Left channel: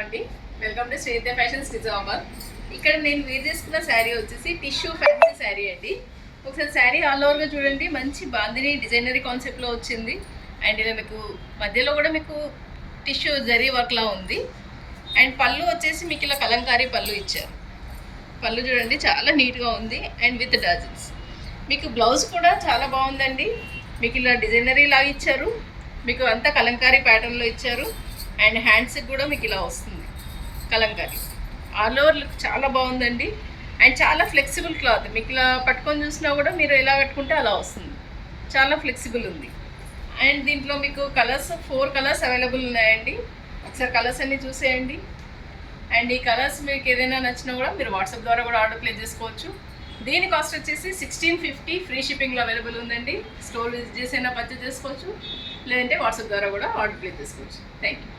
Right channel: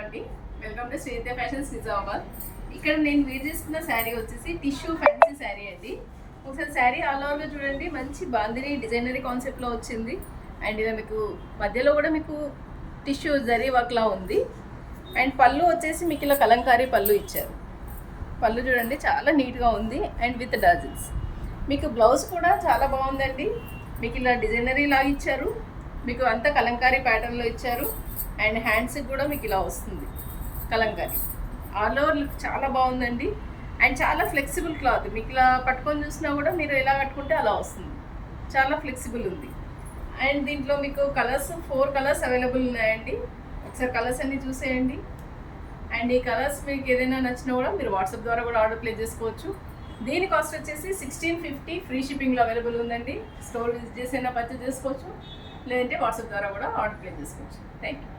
అండి, welcome to Shweta fashions Nizamabad. ఇక్కడ నేను వేర్ చేసుకున్న శారీ వచ్చేసి టిష్యూ ఫ్యాన్సీ శారీ అండి. ఒకసారి శారీ ఆల్ ఓవర్గా చూడండి, మంచి బాందిని డిజైనరీ కాన్సెప్ట్లో వచ్చింది. అండ్ ఇలా మీకు మధ్యలో కూడా మీకు టిష్యూ జరీ వర్క్లా ఉంది. అండ్ పళ్ళు వచ్చేసి మీకు ఇలా కలంకారీ పళ్ళు ఇచ్చారు. పళ్ళు చూడండి చాలా నీట్గా ఉంది అండ్ విత్ డజల్స్. మీకు బ్లౌజ్ కూడా చాలా బాగుందండి. మీకు ఇలా డిజైనరీ లాగా ఇచ్చారు, మీకు అంతా కలంకారీ ప్యాటర్న్లో ఇచ్చారు. అండ్ హ్యాండ్స్కి కూడా మీకు ఇలా వస్తుంది కలంకారీ. ఆల్ ఓవర్ లుక్ చాలా బాగుందండి. అండ్ చాలా ఫ్లెక్సిబుల్ క్లాత్, మీకు ఇలా పట్టుకొని చూసినా కూడా మీరు ఎలా కట్టుకుంటే అలా వస్తుంది. చాలా ఫ్లెక్సిబుల్ ఉంది. అండ్ దీంట్లో మీకు కలర్స్ 4 కలర్స్ అవైలబుల్ ఉన్నాయండి. ఒకసారి కలర్స్ అన్నీ చూసేయండి. అండ్ ఈ కలర్స్ మీకు ఏదైనా నచ్చినా కూడా మీరు వాట్సాప్ ద్వారా కూడా ఆర్డర్ ప్లేస్ చేసుకోవచ్చు. దీని కాస్ట్ వచ్చేసి 1650 ఫ్రీ షిప్పింగ్లో అవైలబుల్ ఉందండి. స్టోర్ విజిట్ చేసైనా పర్చేస్ చేసుకోవచ్చు, లేదంటే వాట్సాప్ ద్వారా కూడా ఆర్డర్ ప్లేస్ చేసుకోవచ్చు. Thank you.